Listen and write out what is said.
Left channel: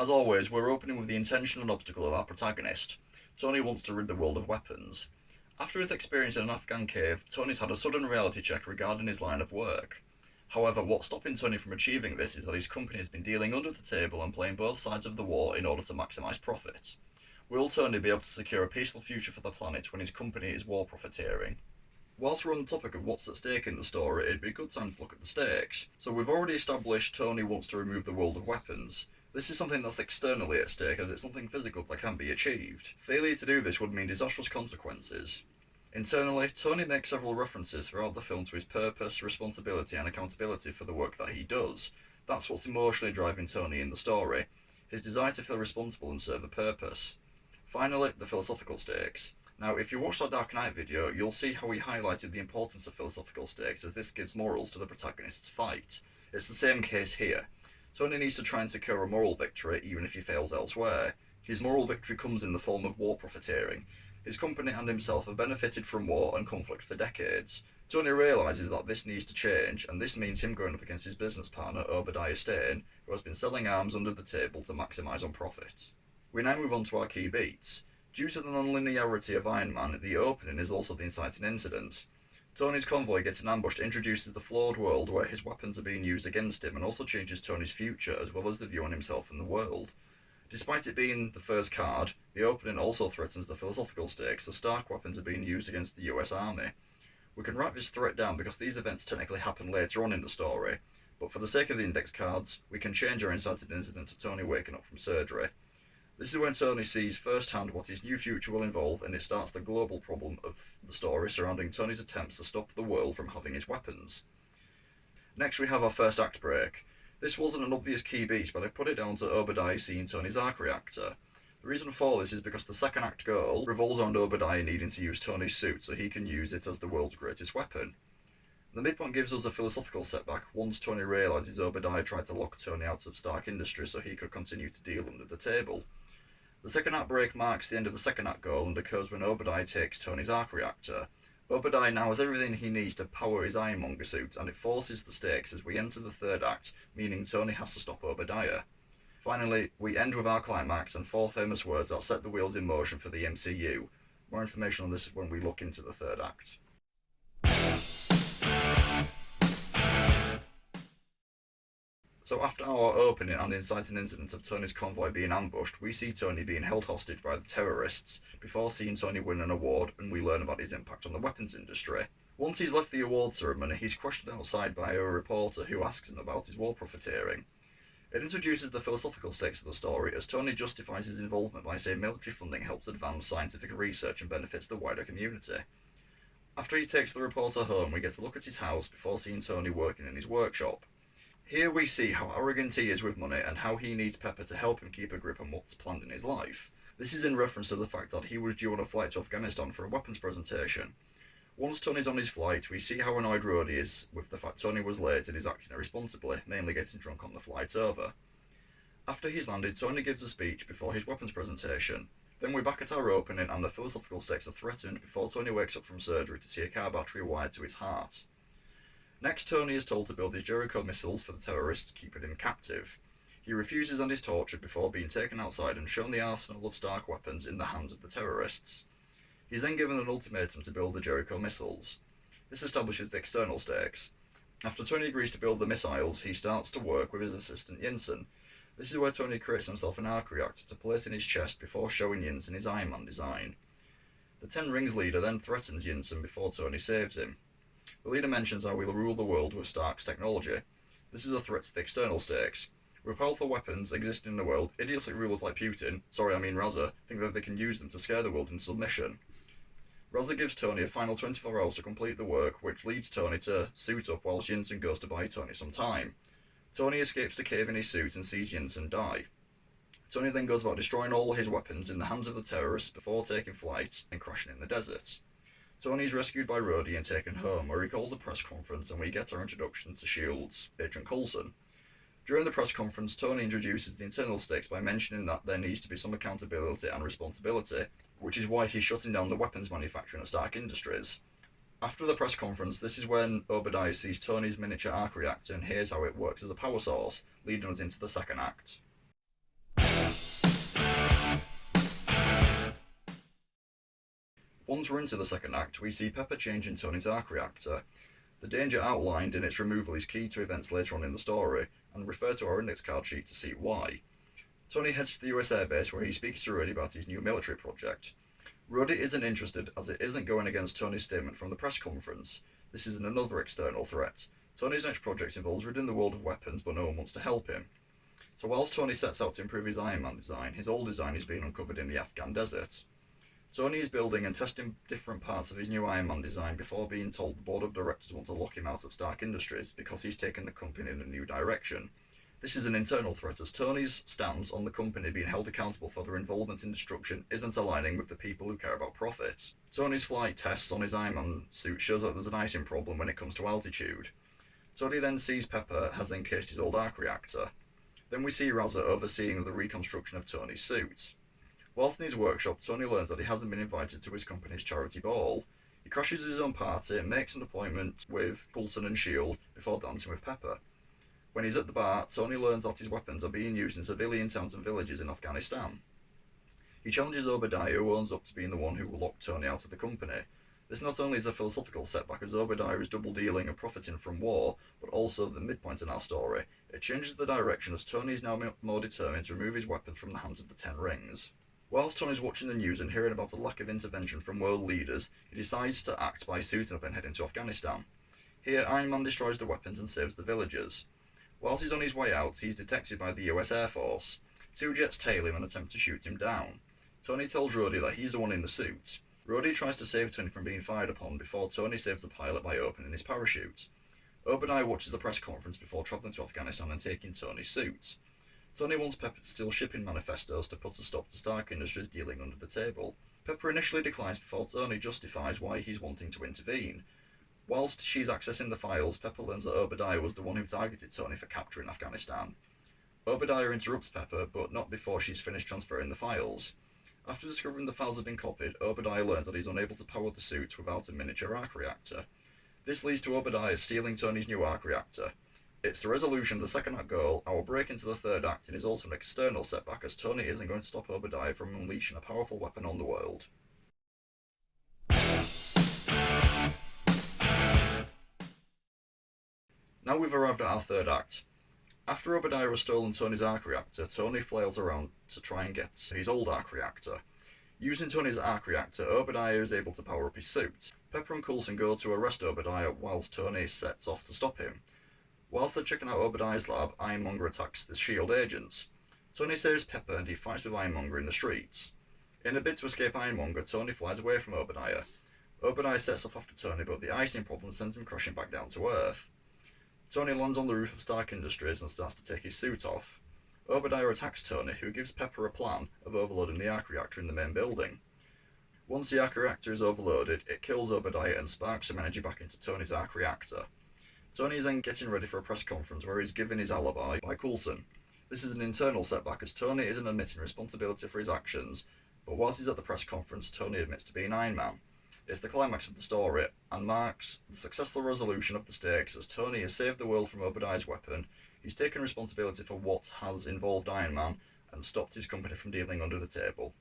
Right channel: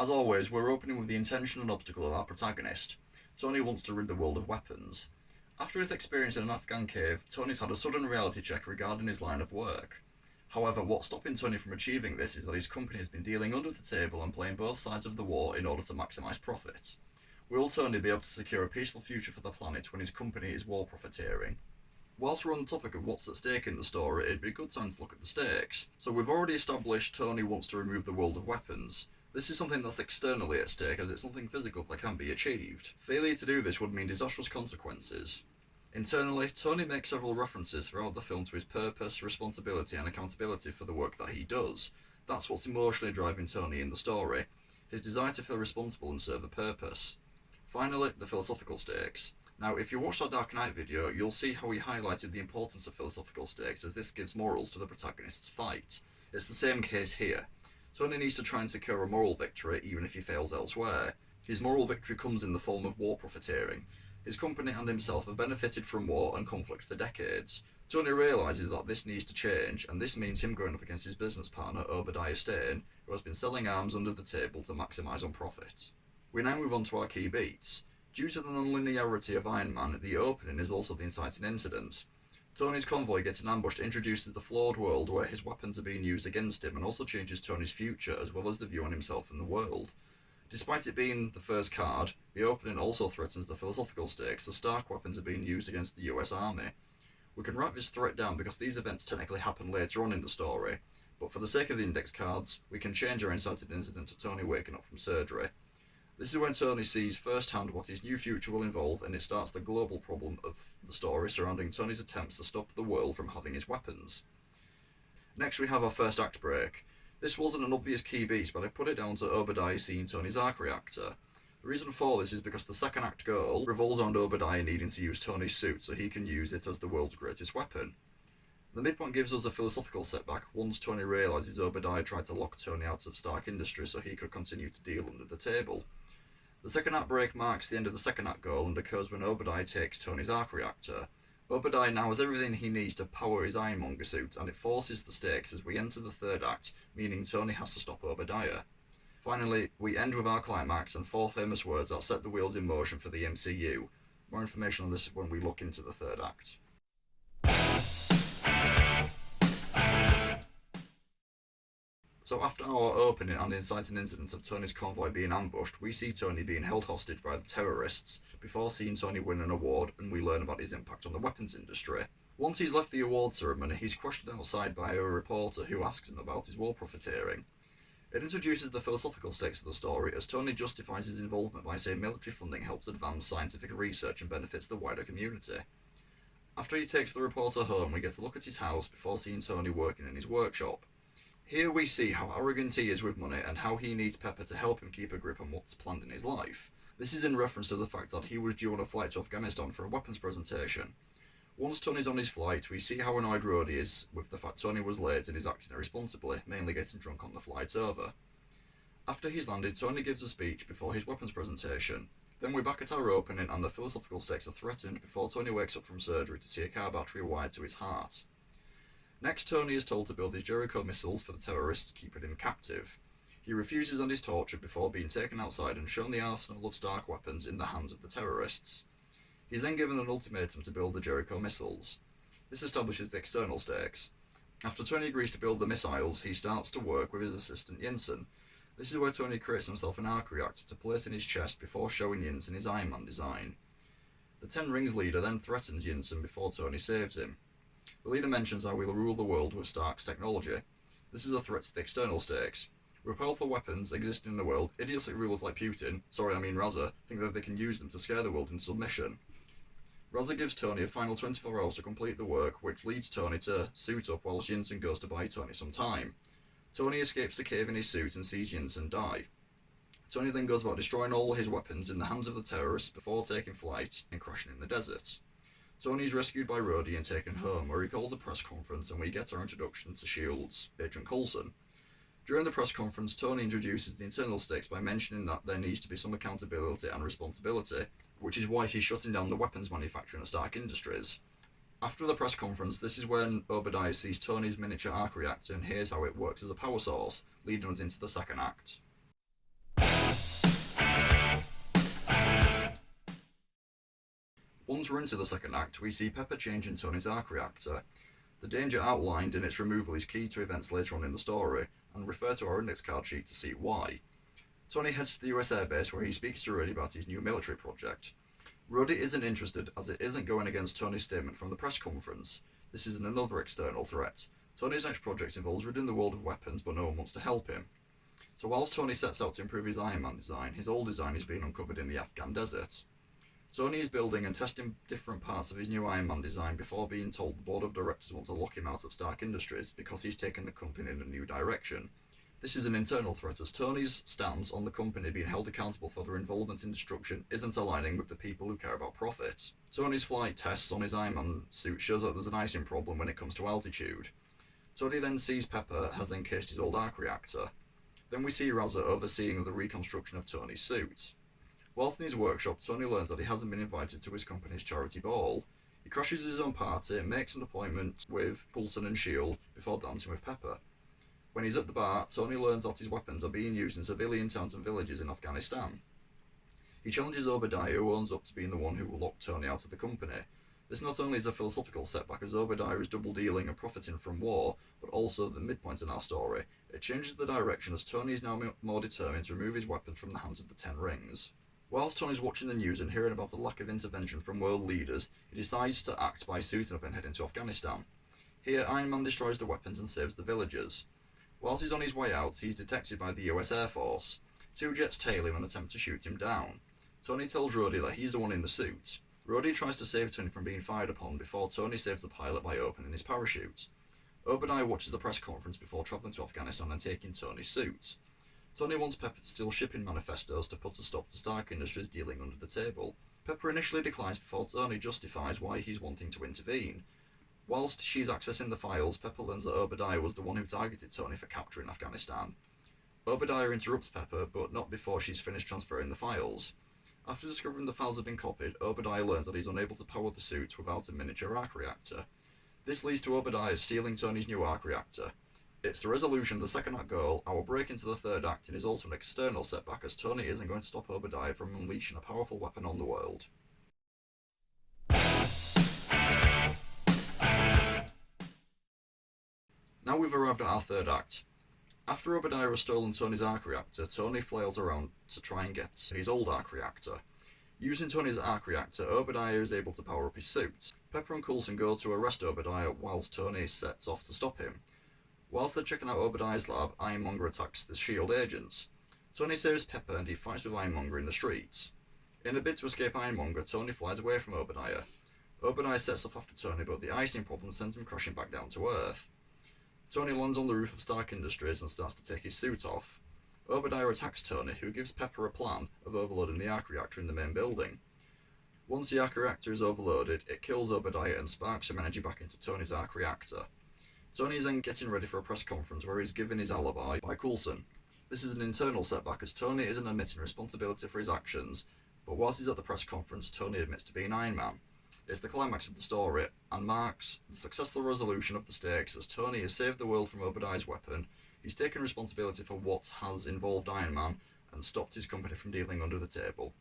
As always, we're opening with the intention and obstacle of our protagonist. Tony wants to rid the world of weapons. After his experience in an Afghan cave, Tony's had a sudden reality check regarding his line of work. However, what's stopping Tony from achieving this is that his company has been dealing under the table and playing both sides of the war in order to maximise profit. Will Tony be able to secure a peaceful future for the planet when his company is war profiteering? Whilst we're on the topic of what's at stake in the story, it'd be a good time to look at the stakes. So we've already established Tony wants to remove the world of weapons. This is something that's externally at stake, as it's something physical that can be achieved. Failure to do this would mean disastrous consequences. Internally, Tony makes several references throughout the film to his purpose, responsibility and accountability for the work that he does. That's what's emotionally driving Tony in the story, his desire to feel responsible and serve a purpose. Finally, the philosophical stakes. Now, if you watch that Dark Knight video, you'll see how he highlighted the importance of philosophical stakes, as this gives morals to the protagonist's fight. It's the same case here. Tony needs to try and secure a moral victory, even if he fails elsewhere. His moral victory comes in the form of war profiteering. His company and himself have benefited from war and conflict for decades. Tony realises that this needs to change, and this means him going up against his business partner Obadiah Stane, who has been selling arms under the table to maximise on profit. We now move on to our key beats. Due to the non-linearity of Iron Man, the opening is also the inciting incident. Tony's convoy getting ambushed introduces the flawed world where his weapons are being used against him, and also changes Tony's future as well as the view on himself and the world. Despite it being the first card, the opening also threatens the philosophical stakes, as Stark weapons are being used against the US Army. We can write this threat down because these events technically happen later on in the story, but for the sake of the index cards, we can change our inciting incident to Tony waking up from surgery. This is when Tony sees firsthand what his new future will involve, and it starts the global problem of the story surrounding Tony's attempts to stop the world from having his weapons. Next we have our first act break. This wasn't an obvious key beat, but I put it down to Obadiah seeing Tony's arc reactor. The reason for this is because the second act goal revolves around Obadiah needing to use Tony's suit so he can use it as the world's greatest weapon. The midpoint gives us a philosophical setback once Tony realises Obadiah tried to lock Tony out of Stark Industries so he could continue to deal under the table. The second act break marks the end of the second act goal and occurs when Obadiah takes Tony's arc reactor. Obadiah now has everything he needs to power his Ironmonger suit, and it forces the stakes as we enter the third act, meaning Tony has to stop Obadiah. Finally, we end with our climax and 4 famous words that set the wheels in motion for the MCU. More information on this when we look into the third act. So after our opening and inciting incident of Tony's convoy being ambushed, we see Tony being held hostage by the terrorists, before seeing Tony win an award, and we learn about his impact on the weapons industry. Once he's left the award ceremony, he's questioned outside by a reporter who asks him about his war profiteering. It introduces the philosophical stakes of the story, as Tony justifies his involvement by saying military funding helps advance scientific research and benefits the wider community. After he takes the reporter home, we get a look at his house before seeing Tony working in his workshop. Here we see how arrogant he is with money and how he needs Pepper to help him keep a grip on what's planned in his life. This is in reference to the fact that he was due on a flight to Afghanistan for a weapons presentation. Once Tony's on his flight, we see how annoyed Rhodey is with the fact Tony was late and is acting irresponsibly, mainly getting drunk on the flight over. After he's landed, Tony gives a speech before his weapons presentation. Then we're back at our opening and the philosophical stakes are threatened before Tony wakes up from surgery to see a car battery wired to his heart. Next, Tony is told to build his Jericho missiles for the terrorists, keeping him captive. He refuses and is tortured before being taken outside and shown the arsenal of Stark weapons in the hands of the terrorists. He is then given an ultimatum to build the Jericho missiles. This establishes the external stakes. After Tony agrees to build the missiles, he starts to work with his assistant Yinsen. This is where Tony creates himself an arc reactor to place in his chest before showing Yinsen his Iron Man design. The Ten Rings leader then threatens Yinsen before Tony saves him. The leader mentions how we'll rule the world with Stark's technology. This is a threat to the external stakes. With powerful weapons existing in the world, idiotic rulers like Putin, Raza, think that they can use them to scare the world into submission. Raza gives Tony a final 24 hours to complete the work, which leads Tony to suit up whilst Yinsen goes to buy Tony some time. Tony escapes the cave in his suit and sees Yinsen die. Tony then goes about destroying all his weapons in the hands of the terrorists before taking flight and crashing in the desert. Tony is rescued by Rhodey and taken home, where he calls a press conference and we get our introduction to S.H.I.E.L.D.'s Agent Coulson. During the press conference, Tony introduces the internal stakes by mentioning that there needs to be some accountability and responsibility, which is why he's shutting down the weapons manufacturing at Stark Industries. After the press conference, this is when Obadiah sees Tony's miniature arc reactor and hears how it works as a power source, leading us into the second act. Once we're into the second act, we see Pepper changing Tony's arc reactor. The danger outlined in its removal is key to events later on in the story, and refer to our index card sheet to see why. Tony heads to the US Air Base where he speaks to Rhodey about his new military project. Rhodey isn't interested as it isn't going against Tony's statement from the press conference. This is another external threat. Tony's next project involves ridding the world of weapons, but no one wants to help him. So whilst Tony sets out to improve his Iron Man design, his old design is being uncovered in the Afghan desert. Tony is building and testing different parts of his new Iron Man design before being told the board of directors want to lock him out of Stark Industries because he's taken the company in a new direction. This is an internal threat as Tony's stance on the company being held accountable for their involvement in destruction isn't aligning with the people who care about profit. Tony's flight tests on his Iron Man suit shows that there's an icing problem when it comes to altitude. Tony then sees Pepper has encased his old arc reactor. Then we see Raza overseeing the reconstruction of Tony's suit. Whilst in his workshop, Tony learns that he hasn't been invited to his company's charity ball. He crashes his own party and makes an appointment with Coulson and S.H.I.E.L.D. before dancing with Pepper. When he's at the bar, Tony learns that his weapons are being used in civilian towns and villages in Afghanistan. He challenges Obadiah, who owns up to being the one who will lock Tony out of the company. This not only is a philosophical setback as Obadiah is double dealing and profiting from war, but also the midpoint in our story. It changes the direction as Tony is now more determined to remove his weapons from the hands of the Ten Rings. Whilst Tony's watching the news and hearing about the lack of intervention from world leaders, he decides to act by suiting up and heading to Afghanistan. Here, Iron Man destroys the weapons and saves the villagers. Whilst he's on his way out, he's detected by the US Air Force. Two jets tail him and attempt to shoot him down. Tony tells Rhodey that he's the one in the suit. Rhodey tries to save Tony from being fired upon before Tony saves the pilot by opening his parachute. Obadiah watches the press conference before travelling to Afghanistan and taking Tony's suit. Tony wants Pepper to steal shipping manifestos to put a stop to Stark Industries dealing under the table. Pepper initially declines before Tony justifies why he's wanting to intervene. Whilst she's accessing the files, Pepper learns that Obadiah was the one who targeted Tony for capturing Afghanistan. Obadiah interrupts Pepper, but not before she's finished transferring the files. After discovering the files have been copied, Obadiah learns that he's unable to power the suit without a miniature arc reactor. This leads to Obadiah stealing Tony's new arc reactor. It's the resolution of the second act goal. Our break into the third act and is also an external setback as Tony isn't going to stop Obadiah from unleashing a powerful weapon on the world. Now we've arrived at our third act. After Obadiah has stolen Tony's arc reactor, Tony flails around to try and get his old arc reactor. Using Tony's arc reactor, Obadiah is able to power up his suit. Pepper and Coulson go to arrest Obadiah whilst Tony sets off to stop him. Whilst they're checking out Obadiah's lab, Ironmonger attacks the S.H.I.E.L.D. agents. Tony saves Pepper and he fights with Ironmonger in the streets. In a bid to escape Ironmonger, Tony flies away from Obadiah. Obadiah sets off after Tony, but the icing problem sends him crashing back down to Earth. Tony lands on the roof of Stark Industries and starts to take his suit off. Obadiah attacks Tony, who gives Pepper a plan of overloading the arc reactor in the main building. Once the arc reactor is overloaded, it kills Obadiah and sparks some energy back into Tony's arc reactor. Tony is then getting ready for a press conference where he's given his alibi by Coulson. This is an internal setback as Tony isn't admitting responsibility for his actions, but whilst he's at the press conference, Tony admits to being Iron Man. It's the climax of the story and marks the successful resolution of the stakes as Tony has saved the world from Obadiah's weapon, he's taken responsibility for what has involved Iron Man and stopped his company from dealing under the table.